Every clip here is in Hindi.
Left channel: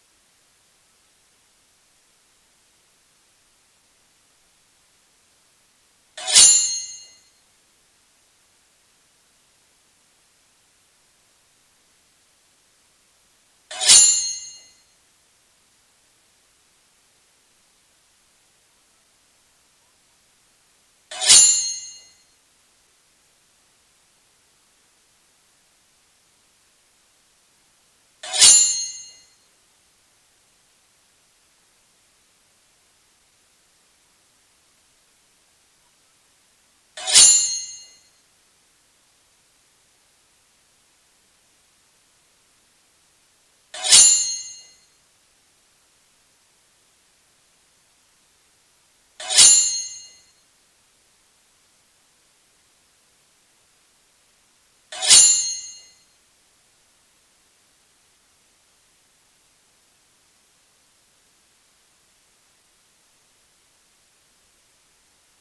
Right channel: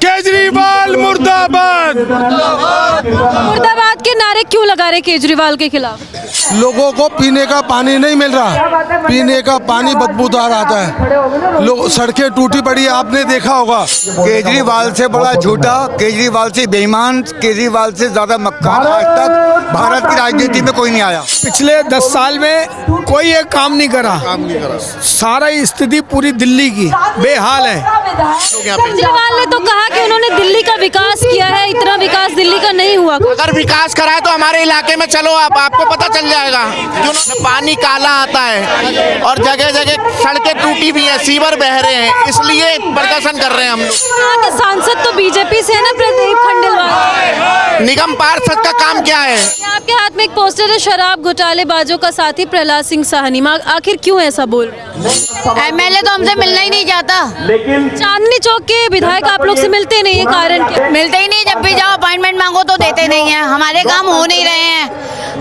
केजरीवाल मुर्दाबाद। मुर्दाबाद के नारे क्यों लगा रहे केजरीवाल के खिलाफ? लोगों को पीने का पानी नहीं मिल रहा, पीने का पानी बदबूदार आता है, लोग सड़कें टूटी पड़ी, आपने देखा होगा। केजरीवाल से बड़ा झूठा, केजरीवाल से बेईमान, केजरीवाल से ज्यादा मक्कार आज तक भारत की राजनीति में कोई नहीं आया। पिछले 10 साल में कोई एक काम नहीं करा। सारा स्थिति पूरी दिल्ली की बेहाल है। केजरीवाल ने तो कहा कि उन्होंने दिल्ली का विकास किया है, इतना विकास दिल्ली का नहीं हुआ। अगर विकास करा है तो हमारे इलाके में चलो, आपको पता चल जाएगा। क्यों पानी काला आता है और जगह जगह सड़कें टूटी हुई हैं, सीवर बह रहे हैं, इसलिए प्रदर्शन कर रहे हैं हम लोग। यहाँ के सांसद तो बीजेपी से है ना, प्रदीप खंडेलवाल। निगम पार्षद का काम क्या है? आपके हाथ में एक पोस्टर है, शराब घोटालेबाजों का साथी प्रहलाद सिंह साहनी। आखिर क्यों ऐसा बोल रहे हैं? एमएलए तो हमसे मिलना ही नहीं चाहता। चांदनी चौक के विधायक आप लोग से मिलते नहीं है, कारण क्या? मिलते ही नहीं, जब भी जाओ अपॉइंटमेंट मांगो तो देते नहीं है। हमारे काम हो नहीं रहे हैं,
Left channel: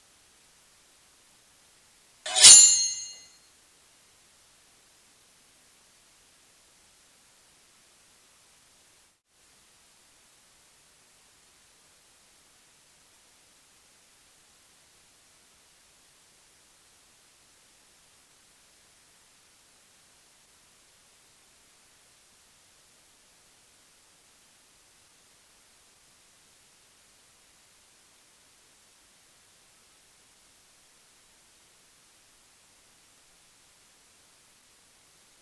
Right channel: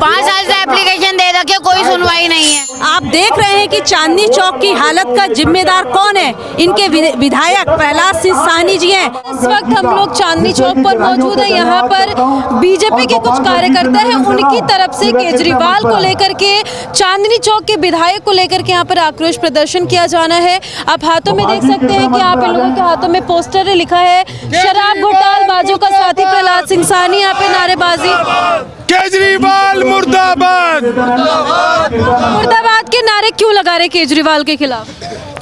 5 साल से एप्लीकेशन दे रखे, कोई सुनवाई नहीं है। आप देख रहे हैं कि चांदनी चौक की हालत का जिम्मेदार कौन है? इनके विधायक प्रहलाद सिंह साहनी जी हैं। इस वक्त हम लोग चांदनी चौक पर मौजूद हैं। यहाँ पर बीजेपी के कुछ कार्यकर्ता हैं, उनकी तरफ से केजरीवाल को लेकर के, चांदनी चौक के विधायक को लेकर के यहाँ पर आक्रोश प्रदर्शन किया जाना है। आप हाथों में देख सकते हैं कि आप इन लोगों के हाथों में पोस्टर है, लिखा है शराब घोटालेबाजों का साथी प्रहलाद सिंह साहनी। यहाँ पे नारेबाजी। केजरीवाल मुर्दाबाद। मुर्दाबाद के नारे क्यों लगा रहे केजरीवाल के खिलाफ?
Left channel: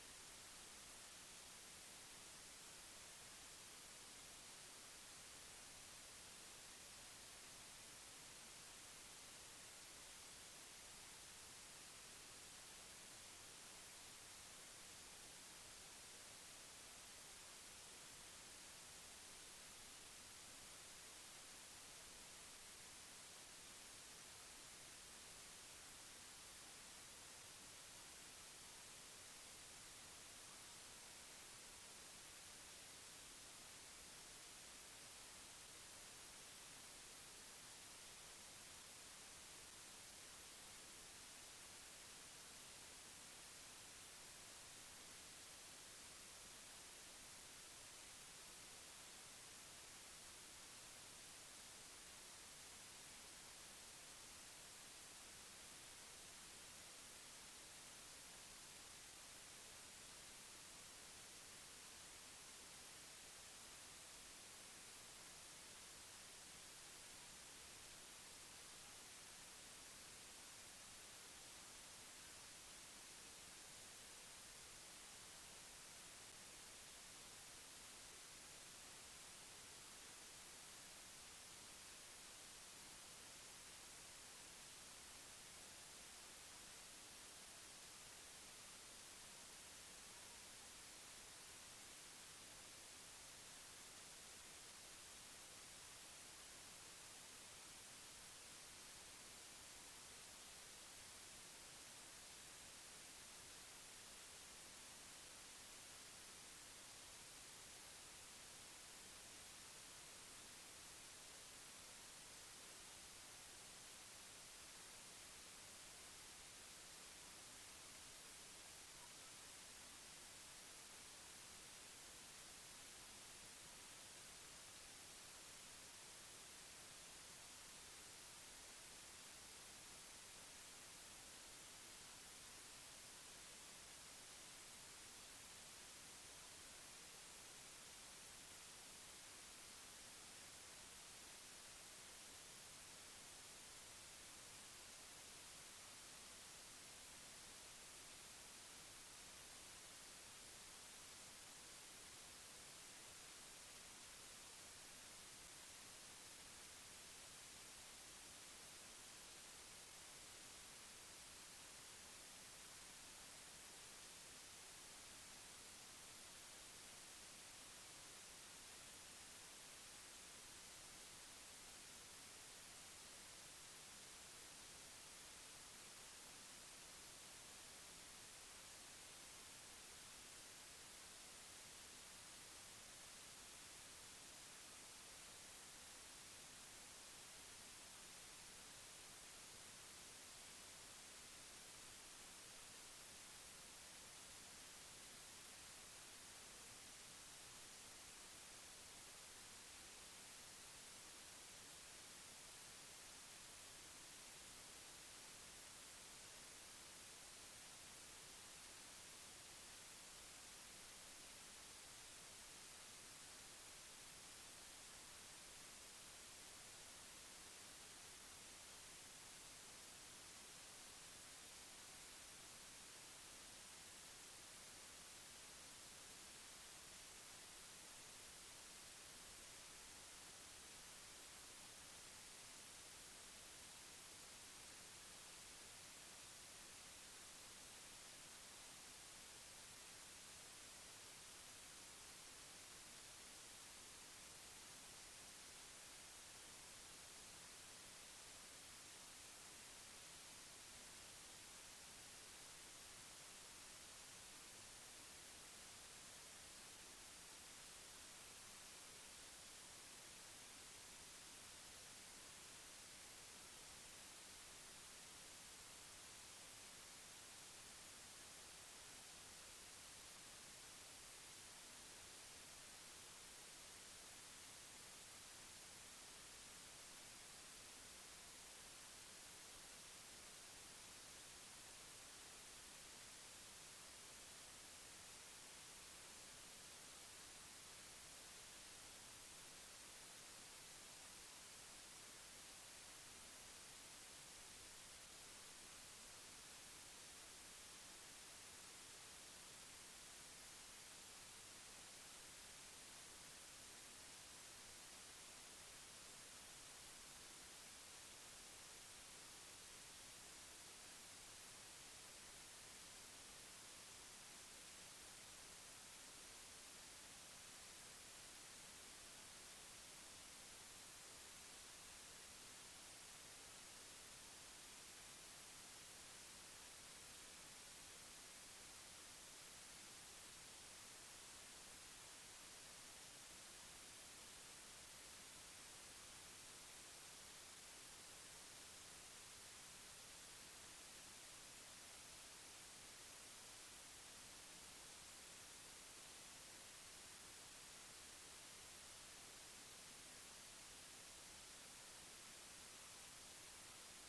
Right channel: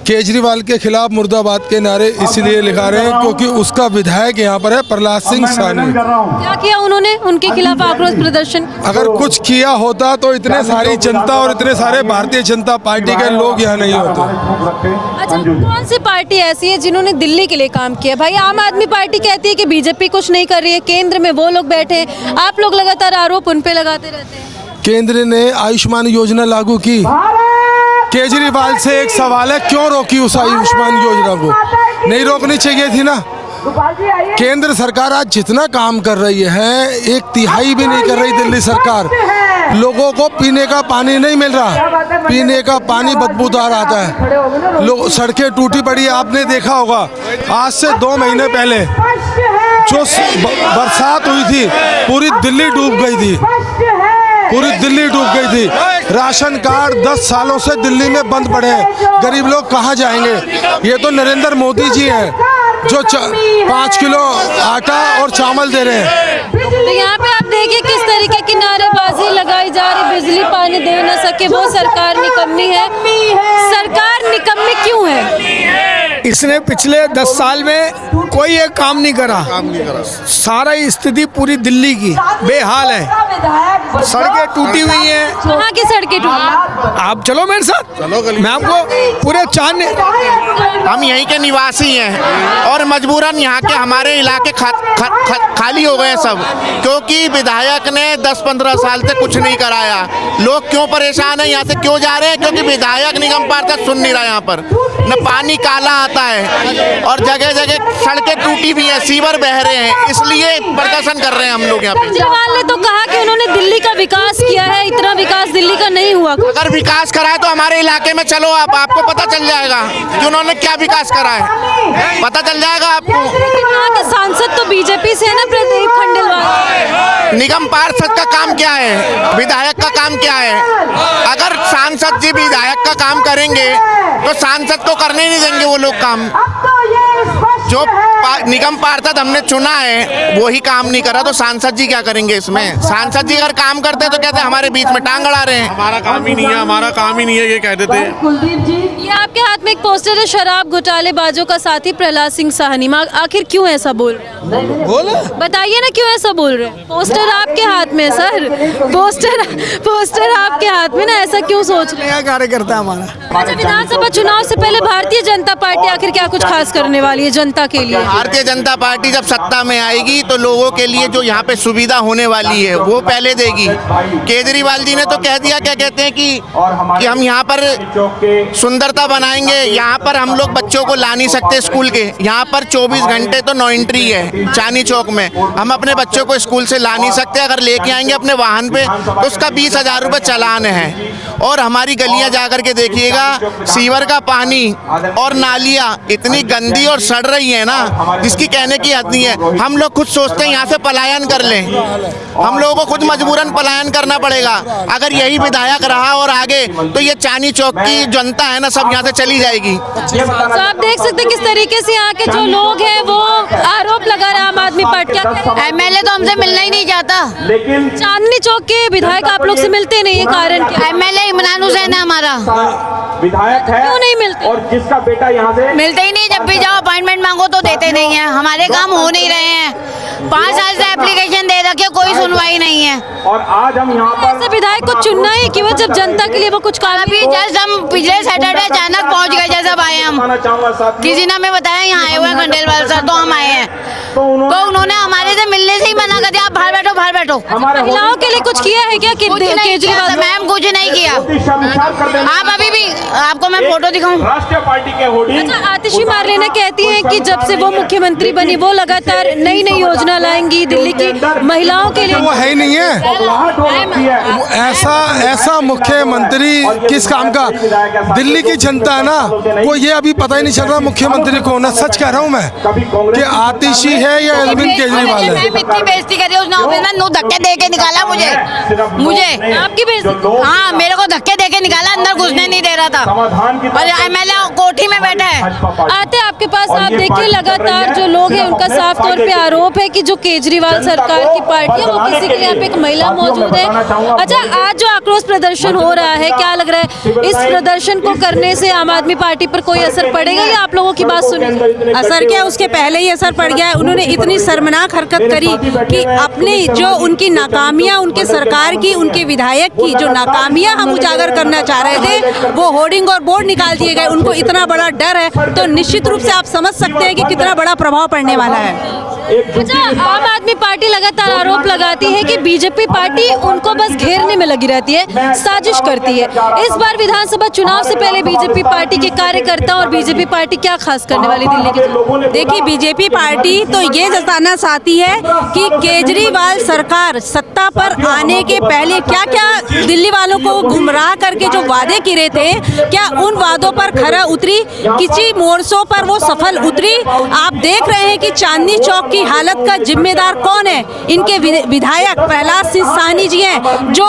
केजरीवाल के खिलाफ मुर्दाबाद के नारे इसलिए लिखा रहे हैं क्योंकि उसका विधायक यहाँ पर है प्रहलाद सिंह साहनी। क्या किया उन्होंने उनके खिलाफ आक्रोश प्रदर्शन? अगर कुछ किया होता तो इतने सारी जनता और इतने सारे भारतीय जनता पार्टी के लोग यहाँ नहीं होते। अच्छा, कौन सी पार्टी ऐसी है जिन्होंने दिल्ली के लिए काम किया? भाई आम आदमी पार्टी कहती है कि बीजेपी कुछ नहीं कर रही है, केंद्र में वो लोग बैठे हैं, आप लोग लगातार आरोप उन पे लगाते रहते हैं। केंद्र ने आयुष्मान योजना लागू की, केजरीवाल से एक सवाल है, क्यों रोकी उस आयुष्मान योजना को? नहीं रोकनी चाहिए थी ना। केंद्र सरकार आज जितना काम कर रही है, 1/3 भी नहीं कर रही दिल्ली सरकार। लोगों को पीने का पानी नहीं मिल रहा, पीने का पानी बदबूदार आता है, लोग सड़कें टूटी पड़ी, आपने देखा होगा। आज से 2 महीने पहले जो बरसात हुई थी, पूरी दिल्ली डूब गई थी, पूरी दिल्ली डूब गई थी। राशन कार्ड 10 सालों से दिल्ली में बंद पड़े हैं, गरीब लोग कहाँ जाएंगे? ये तो नरेंद्र मोदी जी हैं जो 5 किलो आटा और चावल दे रहे हैं। तो यहाँ पे आप देखिए किस तरीके की नारेबाजी लगाई जा रही, बिजली पानी दे न सके वो सरकार निकम्मी है। सरकार निकम्मी क्यों है? इसने पिछले 10 साल में कोई एक काम नहीं करा। सारा स्थिति पूरी दिल्ली की बेहाल है। सड़कें टूटी हुई हैं। कहाँ की सड़कें टूटी? आप चलो मेरे साथ, मैं आपको पूरे चांदनी। हम यहीं के निवासी हैं और मजबूरन यहाँ के हमारे इलाके खाली हो गए सब, क्योंकि विधायक ने 10-15 साल से कुछ नहीं कराया। लोग क्यों परेशान हैं, यहाँ से क्यों जा रहे हैं? क्योंकि विधायक निगम पार्षद सुन नहीं रहा। यहाँ पर न पानी काला आता है और जगह जगह सड़कें टूटी हुई हैं, सीवर बह रहे हैं, इसलिए प्रदर्शन कर रहे हैं हम लोग यहाँ पे। केजरीवाल ने तो कहा कि उन्होंने दिल्ली का विकास किया है, इतना विकास दिल्ली का नहीं हुआ। अगर विकास करा है तो हमारे इलाके में चलो, आपको पता चल जाएगा कि उन्होंने क्या विकास करा है, पता चल जाएगा आपको। यहाँ के सांसद तो बीजेपी से है ना, प्रदीप खंडेलवाल। निगम पार्षद का काम क्या है, विधायक का काम क्या है? अगर सांसद जी विधायक का काम करेंगे तो सांसद को करने नहीं देंगे वो लोग काम। जो निगम पार्षद हमने चुना है वही काम नहीं करा तो सांसद जी क्या करेंगे इसमें? सांसद जी अगर काम करते तो कहते हमारे बीच में टांग अड़ा रहे हैं। हमारा काम ही नहीं है, हमारा काम ही नहीं है, ये कह देते हैं। ये आपके हाथ में एक पोस्टर है, शराब घोटालेबाजों का साथी प्रहलाद सिंह साहनी। आखिर क्यों ऐसा बोल रहे हैं? बोलो, बताइए ना क्यों ऐसा बोल रहे हैं? पोस्टर आपके हाथ में सर, पोस्टर आपके हाथ में ना, ऐसा क्यों सोच रहे हैं? कार्यकर्ता हमारा। अच्छा, विधानसभा चुनाव से पहले भारतीय जनता पार्टी आखिर क्या कुछ खास करने वाली है जनता के लिए? भारतीय जनता पार्टी जब सत्ता में आएगी तो लोगों के लिए जो यहाँ पे सुविधा होने वाली है वो पहले देगी। केजरीवाल जी ने तो कह दिया, क्या कहते हैं कि हम यहाँ पर सुंदरता बनाएंगे, यहाँ पर हम लोग बच्चों को ला नहीं सकते स्कूल के, यहाँ पर 24 घंटे तो नो एंट्री है चांदनी चौक में, हम अपने बच्चों को स्कूल से ला नहीं सकते, अगर लेके आएंगे अपने वाहन पे तो उसका 20,000 रुपये चालान है। और हमारी गलियां जाकर के देखिएगा, सीवर का पानी और नालियां इतनी गंदी और सड़ रही है ना, जिसकी कहने की हद नहीं है। हम लोग खुद सोचते हैं यहाँ से पलायन कर लें, हम लोगों को खुद मजबूरन पलायन करना पड़ेगा। अगर यही विधायक रहा और आगे, तो ये चांदनी चौक की जनता है ना, सब यहाँ से चली जाएगी। तो आप देख सकते हैं किस तरीके से यहाँ के जो लोग हैं वो आरोप लगा रहे हैं आम आदमी पार्टी का। एमएलए तो हमसे मिलना ही नहीं चाहता। चांदनी चौक के विधायक आप लोग से मिलते नहीं है, कारण क्या? एमएलए इमरान हुसैन है हमारा। विधायक है क्यों नहीं मिलते? और जिसका बेटा यहाँ से मिलते ही नहीं, जब भी जाओ अपॉइंटमेंट मांगो तो देते नहीं है। हमारे काम हो नहीं रहे हैं, 5 साल से एप्लीकेशन दे रखे, कोई सुनवाई नहीं है। और आज हम यहाँ पर ऐसे विधायक को चुनना ही कि वो जब जनता के लिए वो कुछ काम अभी जस्ट हम पिछले सैटरडे अचानक पहुंच गए, जैसे आए हम, चाहूंगा साथ किसी ने हमें बताया यहाँ आए हुए हैं खंडेलवाल सर, तो हम आए हैं। तो उन्होंने हमारे से मिलने से ही मना कर दिया, आप बाहर बैठो बाहर बैठो। महिलाओं के लिए कुछ किया है क्या कुछ नहीं किया केजरीवाल? मैम, कुछ नहीं किया। आप अभी भी, आपको मैं फोटो दिखाऊं? राष्ट्रीय पार्टी के होर्डिंग। अच्छा, आतिशी मार्लेना कहती हैं कि जब से वो मुख्यमंत्री बनी वो लगातार नई नई योजना लाएंगी दिल्ली की महिलाओं के लिए। वो है ही नहीं है। वो ऐसा मुख्यमंत्री किस काम का? दिल्ली की जनता है ना, वो ये अभी पता ही नहीं चल रहा मुख्यमंत्री कौन है। सच कह रहा हूँ मैं कि आतिशी है या अरविंद केजरीवाल है। मैम इतनी बेइज्जती करी उसने ऑफिस में, नो धक्के दे के निकाला मुझे आपकी बेइज्जती? हाँ, मेरे को धक्के दे के निकाला, अंदर घुसने नहीं दे रहा था। और एमएलए कोठी में बैठा है। आते आपके पास, आप देखिए लगातार जो लोग हैं उनका साफ तौर पे आरोप है कि जो केजरीवाल सरकार की पार्टी है वो किसी के यहाँ पे एक महिला मौजूद है। अच्छा, आज जो आक्रोश प्रदर्शन हो रहा है, क्या लग रहा है इस प्रदर्शन को करने से आम आदमी पार्टी पर कोई असर पड़ेगा या आप लोगों की बात सुनी? असर क्या, उसके पहले ही असर पड़ गया है। उन्होंने इतनी शर्मनाक हरकत करी कि अपनी जो उनकी नाकामियां, उनके सरकार की, उनके विधायक की जो नाकामियां हम उजागर करना चाह रहे थे, वो होर्डिंग और बोर्ड निकाल दिए गए। उनको इतना बड़ा डर है, तो निश्चित रूप से आप समझ सकते हैं कि कितना बड़ा प्रभाव पड़ने वाला है। अच्छा, आम आदमी पार्टी लगातार आरोप लगाती है कि बीजेपी पार्टी उनको बस घेरने में लगी रहती है, साजिश करती है। इस बार विधानसभा चुनाव से पहले बीजेपी पार्टी के कार्यकर्ता और बीजेपी पार्टी क्या खास करने वाली दिल्ली की? देखिए, बीजेपी पार्टी तो ये जताना चाहती है कि केजरीवाल सरकार सत्ता पर आने के पहले क्या क्या दिल्ली वालों को गुमराह करके जो वादे किए थे, क्या उन वादों पर खरा उतरी? किसी मोर्चों पर वो सफल उतरी? आप देख रहे हैं कि चांदनी चौक की हालत का जिम्मेदार कौन है? इनके विधायक प्रहलाद सिंह साहनी जी हैं, जो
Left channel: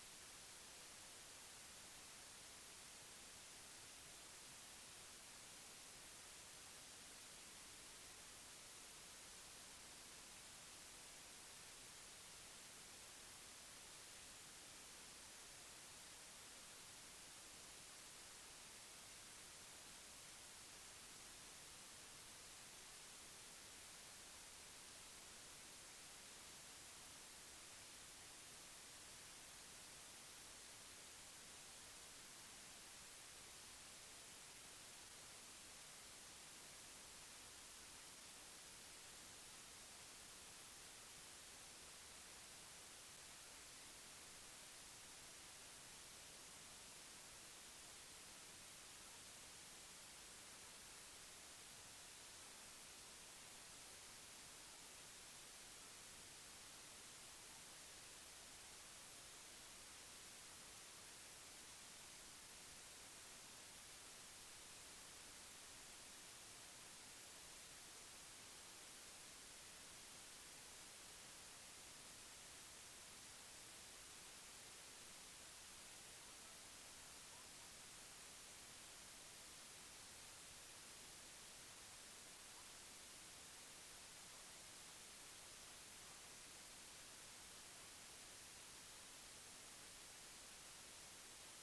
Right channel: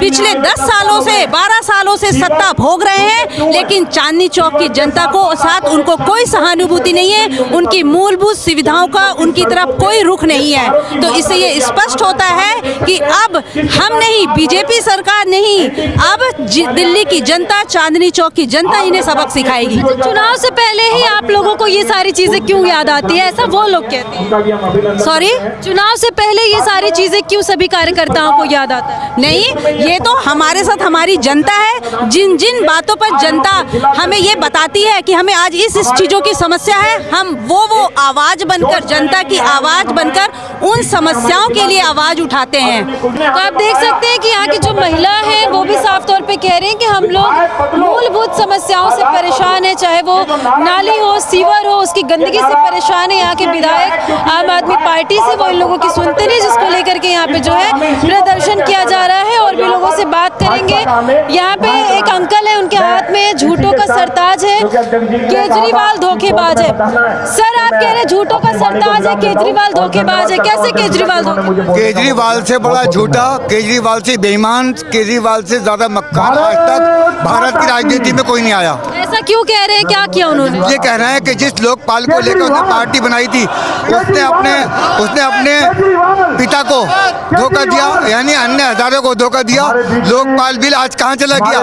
पिछले 10 सालों से 12 सालों से सत्ता भोग रहे हैं, लेकिन चांदनी चौक की जनता को साथ उनको कोई सहानुभूति नहीं है। उनकी मूलभूत सुविधाओं का उनकी तरफ कोई रुख नहीं है। तो इससे ये स्पष्ट होता है कि अब हम नहीं, बीजेपी सरकार नहीं, अब दिल्ली की जनता, चांदनी चौक की जनता इन्हें सबक सिखाएगी। चुनाव से पहले ही आप लोगों को ये सारी चीजें क्यों याद आती है, ऐसा वो लोग कहते हैं? सॉरी, चुनाव से पहले ये सारी चीजें क्यों सभी कार्यकर्ताओं को याद आता है? नहीं, ये तो हमारे साथ हमारी जनता है। जिन जिन बातों पर जनता हमें ये बताती है कि हमें आज इस चीजों की समस्या है, हम वो आवाज बनकर, जनता की आवाज बनकर उन समस्याओं के लिए आवाज उठाते हैं। तो आप देख सकते हैं कि यहाँ की जो महिला है वो भी साफ तौर पे कह रहे हैं कि हम लोग मूलभूत समस्याओं से परेशान है, चाहे वो नाली हो, सीवर हो, उसकी गंदगी से परेशान है। यहाँ के विधायक आम आदमी पार्टी से, वो इन लोगों की सुनते नहीं, जिसको लेकर के यहाँ पे जो है प्रदर्शन किया जा रहा है। और भी लोगों से बात करेंगे। यहाँ पे एक अंकल है, उनके हाथ में झूठों का सरताज है, केजरीवाल धोखेबाज है। सर, आप कह रहे हैं झूठों का सरताज है, केजरीवाल धोखेबाज है, कैसे केजरीवाल धोखेबाज? केजरीवाल से बड़ा झूठा, केजरीवाल से बेईमान, केजरीवाल से ज्यादा मक्कार आज तक भारत की राजनीति में कोई नहीं आया। ऐसा क्यों कह रहे हैं, क्या किया उन्होंने? ये कह रहे हैं कि जिस लोकपाल को लेकर उसने पार्टी बनाई थी, उसने अपने पिता को धोखा दिया, यानी अन्य हजारों को धोखा दिया। लोकपाल बिल आज कहाँ चला गया?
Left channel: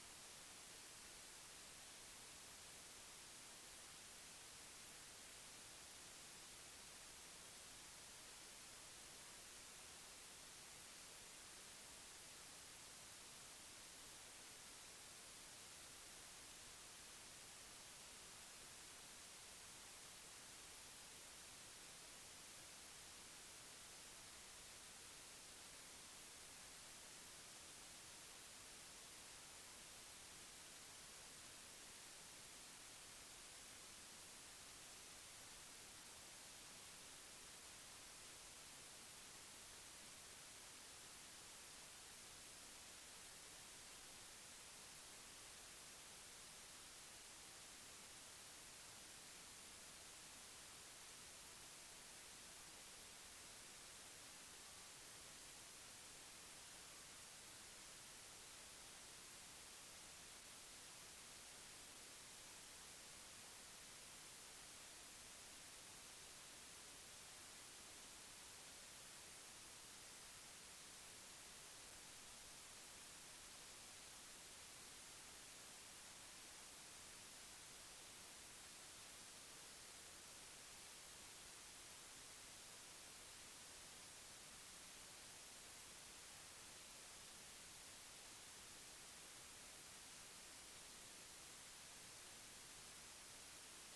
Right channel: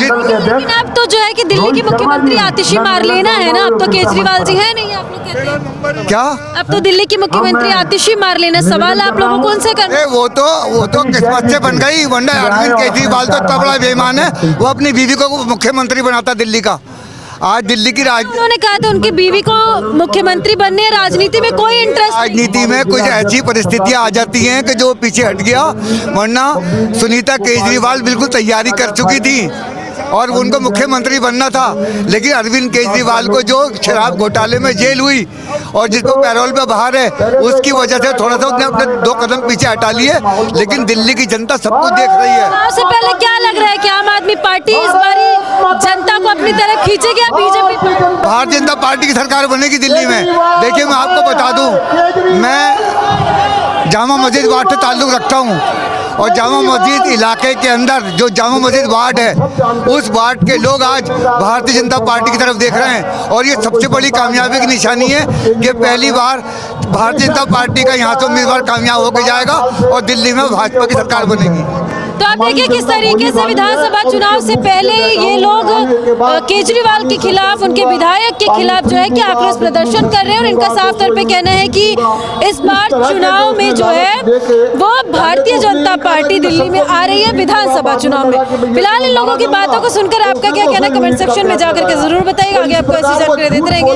लेकिन अब तो जो है कि दिल्ली की मुख्यमंत्री आतिशी मार्लेना है ना, अब तो केजरीवाल जी है नहीं, आप लोग कहते हैं। क्या? अब तो दिल्ली की मुख्यमंत्री आतिशी मार्लेना, सवाल आप लोगों को उनसे करना। वो तो किस्मत से बन गई, वरना अरविंद केजरीवाल तो इतना बड़ा बेईमान है, वो अपनी बीवी को मुख्यमंत्री बनाता दिल्ली का। आज दिल्ली की उन्होंने कहा था उनकी बीवी को मुख्यमंत्री बनने, राजनीति में कोई इंटरेस्ट नहीं। राजनीति में कुछ ऐसी परिस्थितियां आ जाती हैं कि जो पीछे हट गया, वरना सुनीता केजरीवाल बिल्कुल तैयारी कर चुकी थी। और उनको मुख्यमंत्री बनना था, लेकिन अरविंद केजरीवाल को जो शराब घोटाले में जेल हुई और जिसको पैरोल पे बाहर है, उसकी वजह से थोड़ा सा उसने अपने 2 कदम पीछे हटा लिए। लेकिन दिल्ली की जनता सब कुछ देख रही है। चुनाव से पहले क्या लग रहा है कि आम आदमी पार्टी इस बारी जनता को अपनी तरफ खींचेगी या बीजेपी? भारतीय जनता पार्टी की सरकार बनेगी दिल्ली में। देखिए, मैं आपको बता दूं, मैं जामा मस्जिद वार्ड से ताल्लुक़ रखता हूं और जामा मस्जिद इलाके के अंदर जो जामा मस्जिद वार्ड है, उस वार्ड के लोग आज भारतीय जनता पार्टी की तरफ देख रहे हैं। और ये सबसे बड़ी कामयाबी की निशानी है कि पहली बार भारतीय जनता पार्टी का यहाँ से उम्मीदवार कामयाब होकर जाएगा और दिल्ली में भाजपा की सरकार बनेगी। तो आप देखिए किस तरीके से विधानसभा चुनाव से पहले ये लोग केजरीवाल के खिलाफ, उनके विधायक के खिलाफ जो है कि आक्रोश प्रदर्शन कर रहे हैं। और इनका साफ तौर पे कहना है कि इस बार चुनाव में जो है वो भारतीय जनता पार्टी दिल्ली में आ रही है विधानसभा चुनाव में। फिलहाल इन लोगों की बातों को सुनकर आपका क्या कहना है, कमेंट सेक्शन में जाकर के जरूर बताइएगा। आगे आपको ऐसी जानकारी देते रहेंगे।